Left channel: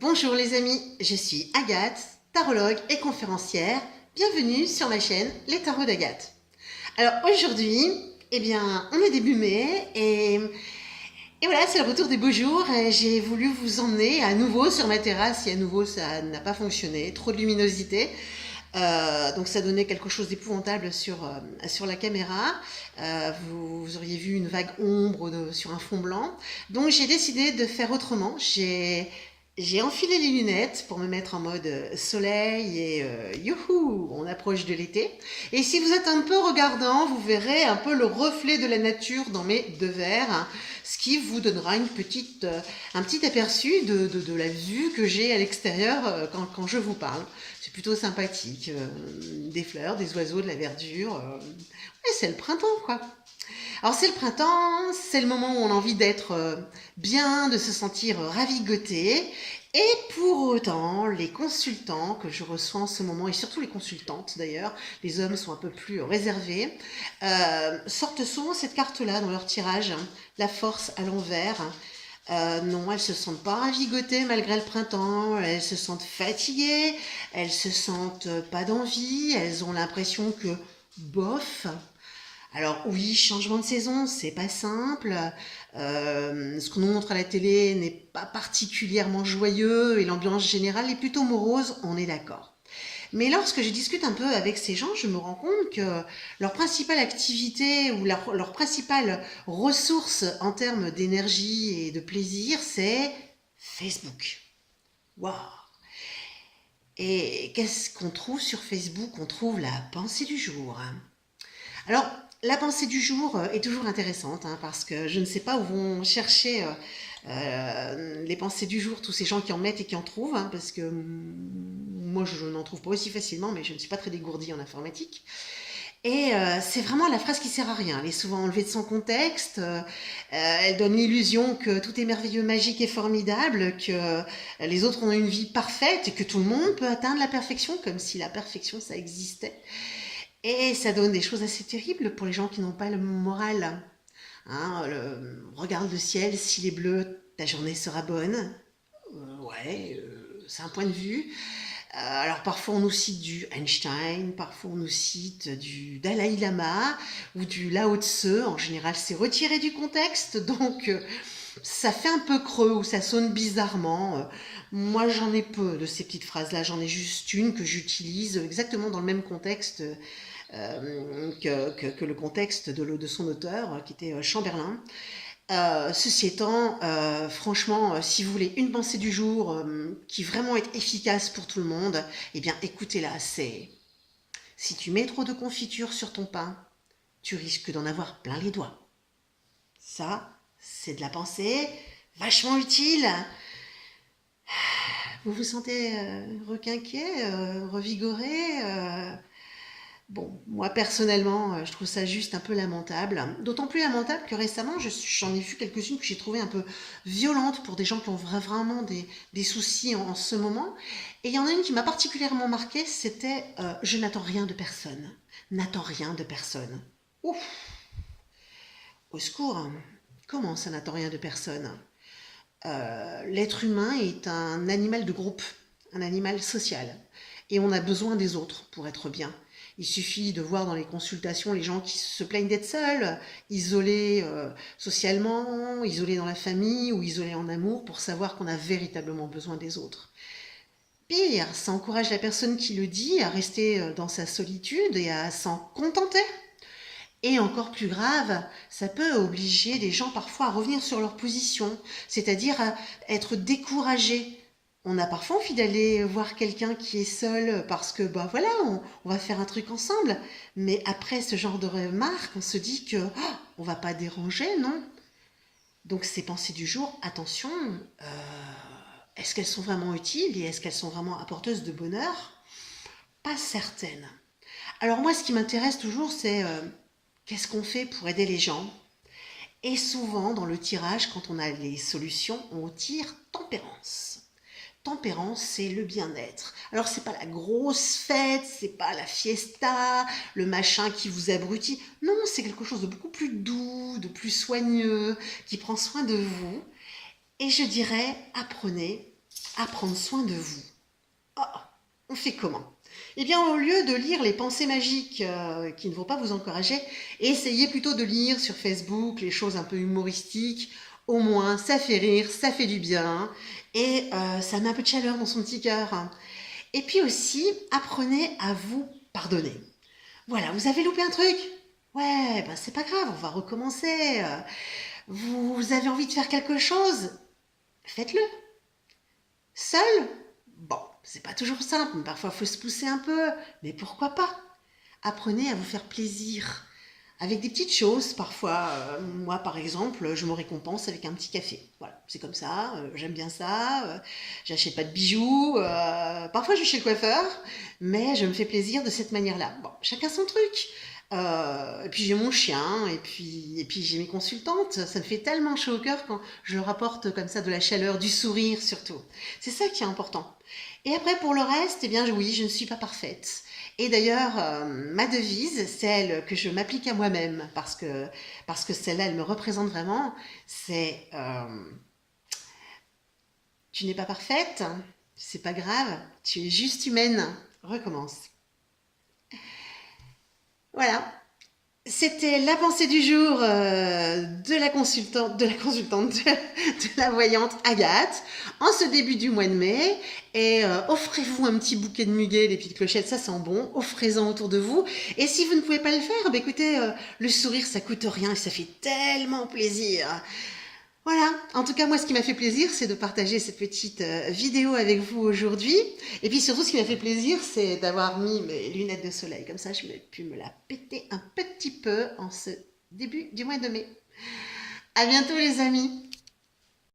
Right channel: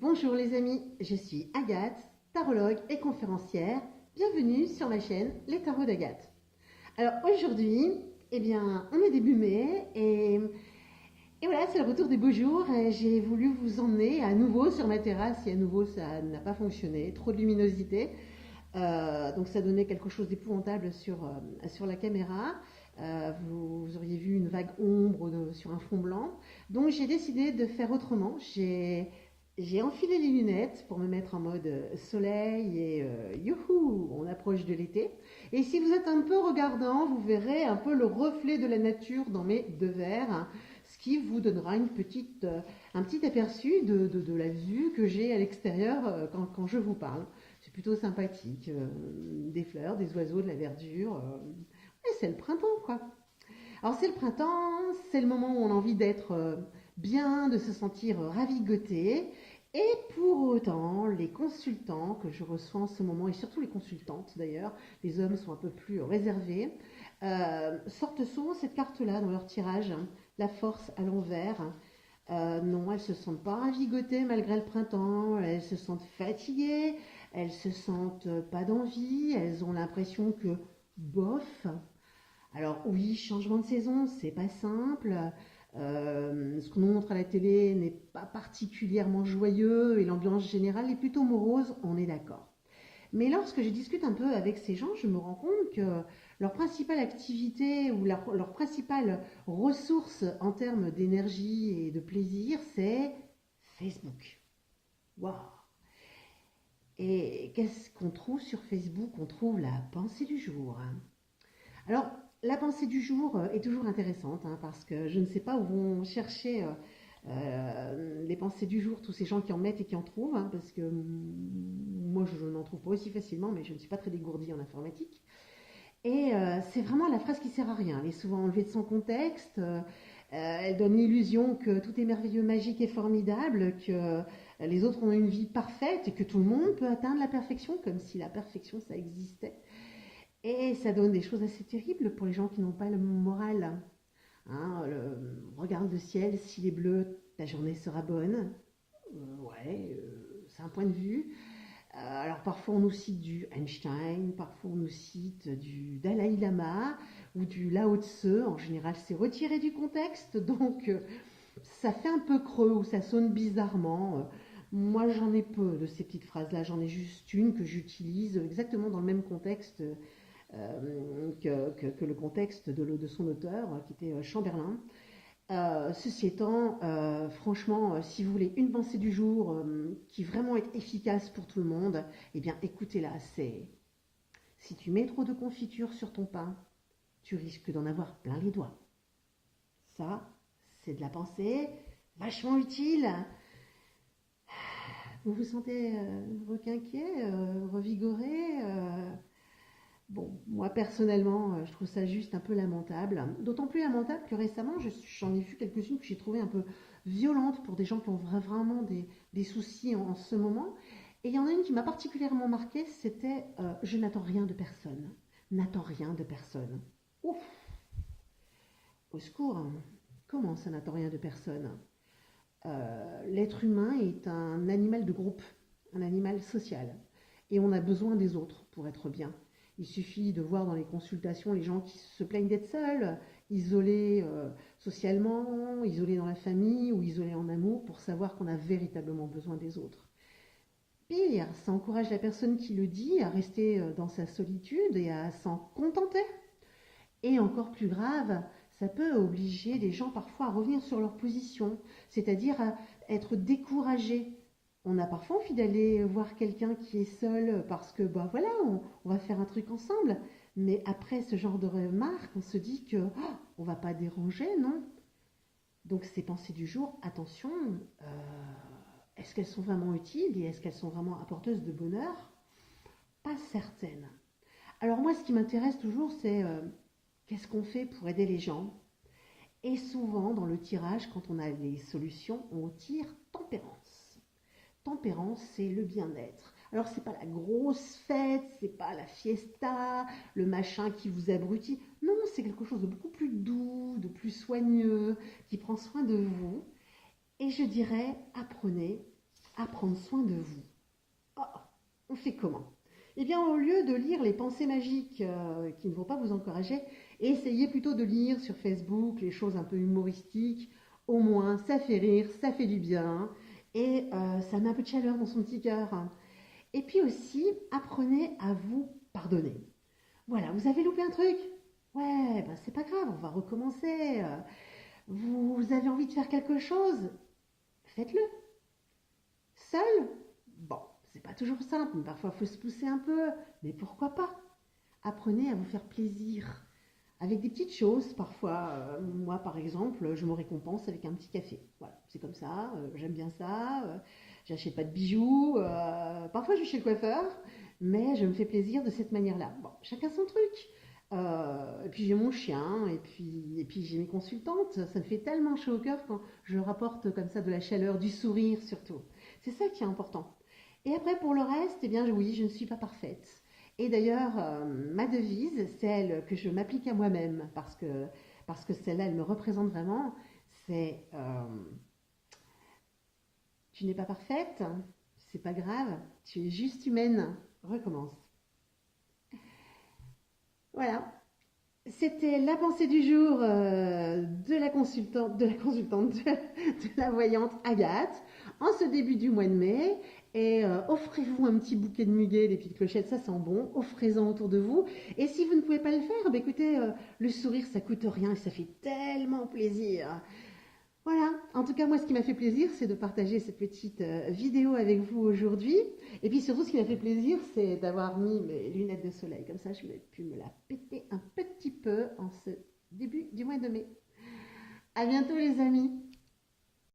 Bonjour les amis, je suis Agathe, tarologue et conférencière. Bienvenue sur ma chaîne Les Tarots d'Agathe. Alors aujourd'hui, on est début mai et voilà, c'est le retour des beaux jours. Et j'ai voulu vous emmener à nouveau sur ma terrasse et à nouveau ça n'a pas fonctionné, trop de luminosité. Donc ça donnait quelque chose d'épouvantable sur la caméra. Vous auriez vu une vague ombre sur un fond blanc. Donc j'ai décidé de faire autrement. J'ai enfilé les lunettes pour me mettre en mode soleil et youhou, on approche de l'été. Et si vous êtes un peu regardant, vous verrez un peu le reflet de la nature dans mes deux verres, hein, ce qui vous donnera un petit aperçu de la vue que j'ai à l'extérieur quand je vous parle. C'est plutôt sympathique, des fleurs, des oiseaux, de la verdure. Ouais, c'est le printemps quoi. Alors c'est le printemps, c'est le moment où on a envie d'être bien, de se sentir ravigoté. Et pour autant, les consultants que je reçois en ce moment, et surtout les consultantes d'ailleurs, les hommes sont un peu plus réservés, sortent souvent cette carte-là dans leur tirage, hein, la force à l'envers. Non, elles se sentent pas ravigotées malgré le printemps, elles se sentent fatiguées, elles se sentent pas d'envie, elles ont l'impression que bof. Alors oui, changement de saison, c'est pas simple. Ce qu'on nous montre à la télé n'est pas particulièrement joyeux et l'ambiance générale est plutôt morose, on est d'accord. Mais lorsque je discute un peu avec ces gens, je me rends compte que leur principale activité ou leur principale ressource en termes d'énergie et de plaisir, c'est Facebook. Waouh! Et qu'est-ce qu'on trouve sur Facebook? On trouve la pensée du jour. Alors, la pensée du jour est toujours intéressante, hein, parce que je ne sais pas où vont chercher les pensées du jour tous ces gens qui en mettent et qui en trouvent, hein, parce que moi je n'en trouve pas aussi facilement, mais je ne suis pas très dégourdie en informatique. Et c'est vraiment la phrase qui sert à rien. Elle est souvent enlevée de son contexte. Elle donne l'illusion que tout est merveilleux, magique et formidable, que les autres ont une vie parfaite et que tout le monde peut atteindre la perfection, comme si la perfection ça existait. Et ça donne des choses assez terribles pour les gens qui n'ont pas le moral. Hein, regarde le ciel, s'il est bleu, ta journée sera bonne. C'est un point de vue. Alors parfois on nous cite du Einstein, parfois on nous cite du Dalai Lama ou du Lao Tse. En général, c'est retiré du contexte, donc ça fait un peu creux ou ça sonne bizarrement. Moi, j'en ai peu de ces petites phrases-là. J'en ai juste une que j'utilise exactement dans le même contexte que le contexte de son auteur, qui était Chamberlain. Ceci étant, franchement, si vous voulez une pensée du jour qui vraiment est efficace pour tout le monde, eh bien écoutez-la, c'est si tu mets trop de confiture sur ton pain, tu risques d'en avoir plein les doigts. Ça, c'est de la pensée vachement utile. Vous vous sentez requinqué, revigoré Bon, moi personnellement, je trouve ça juste un peu lamentable. D'autant plus lamentable que récemment, j'en ai vu quelques-unes que j'ai trouvées un peu violentes pour des gens qui ont vraiment des soucis en ce moment. Et il y en a une qui m'a particulièrement marquée, c'était je n'attends rien de personne. N'attends rien de personne. Ouf, au secours. Comment ça n'attend rien de personne? L'être humain est un animal de groupe, un animal social. Et on a besoin des autres pour être bien. Il suffit de voir dans les consultations les gens qui se plaignent d'être seuls, isolés socialement, isolés dans la famille ou isolés en amour pour savoir qu'on a véritablement besoin des autres. Pire, ça encourage la personne qui le dit à rester dans sa solitude et à s'en contenter. Et encore plus grave, ça peut obliger les gens parfois à revenir sur leur position, c'est-à-dire à être découragés. On a parfois envie d'aller voir quelqu'un qui est seul parce que, bah voilà, on va faire un truc ensemble. Mais après ce genre de remarques, on se dit que on va pas déranger, non? Donc ces pensées du jour, attention, est-ce qu'elles sont vraiment utiles et est-ce qu'elles sont vraiment apporteuses de bonheur? Pas certaine. Alors moi, ce qui m'intéresse toujours, c'est qu'est-ce qu'on fait pour aider les gens? Et souvent, dans le tirage, quand on a les solutions, on tire tempérance. Tempérance, c'est le bien-être. Alors, c'est pas la grosse fête, c'est pas la fiesta, le machin qui vous abrutit. Non, c'est quelque chose de beaucoup plus doux, de plus soigneux, qui prend soin de vous. Et je dirais, apprenez à prendre soin de vous. Oh, on fait comment? Eh bien, au lieu de lire les pensées magiques qui ne vont pas vous encourager, essayez plutôt de lire sur Facebook les choses un peu humoristiques. Au moins, ça fait rire, ça fait du bien et ça met un peu de chaleur dans son petit cœur. Et puis aussi, apprenez à vous pardonner. Voilà, vous avez loupé un truc? Ouais, ben c'est pas grave, on va recommencer. Vous avez envie de faire quelque chose? Faites-le. Seul? Bon, c'est pas toujours simple, mais parfois il faut se pousser un peu. Mais pourquoi pas? Apprenez à vous faire plaisir. Avec des petites choses, parfois, moi par exemple, je me récompense avec un petit café. Voilà, c'est comme ça, j'aime bien ça, j'achète pas de bijoux, parfois je vais chez le coiffeur, mais je me fais plaisir de cette manière-là. Bon, chacun son truc. Et puis j'ai mon chien, et puis j'ai mes consultantes. Ça me fait tellement chaud au cœur quand je leur apporte comme ça de la chaleur, du sourire surtout. C'est ça qui est important. Et après pour le reste, eh bien oui, je ne suis pas parfaite. Et d'ailleurs, ma devise, celle que je m'applique à moi-même, parce que celle-là, elle me représente vraiment, c'est tu n'es pas parfaite, c'est pas grave, tu es juste humaine, recommence. Voilà, c'était la pensée du jour de la voyante Agathe, en ce début du mois de mai. Et offrez-vous un petit bouquet de muguet, des petites clochettes, ça sent bon. Offrez-en autour de vous. Et si vous ne pouvez pas le faire, bah écoutez, le sourire, ça coûte rien et ça fait tellement plaisir. Voilà, en tout cas moi ce qui m'a fait plaisir c'est de partager cette petite vidéo avec vous aujourd'hui et puis surtout ce qui m'a fait plaisir c'est d'avoir mis mes lunettes de soleil comme ça je me pu me la péter un petit peu en ce début du mois de mai. À bientôt les amis.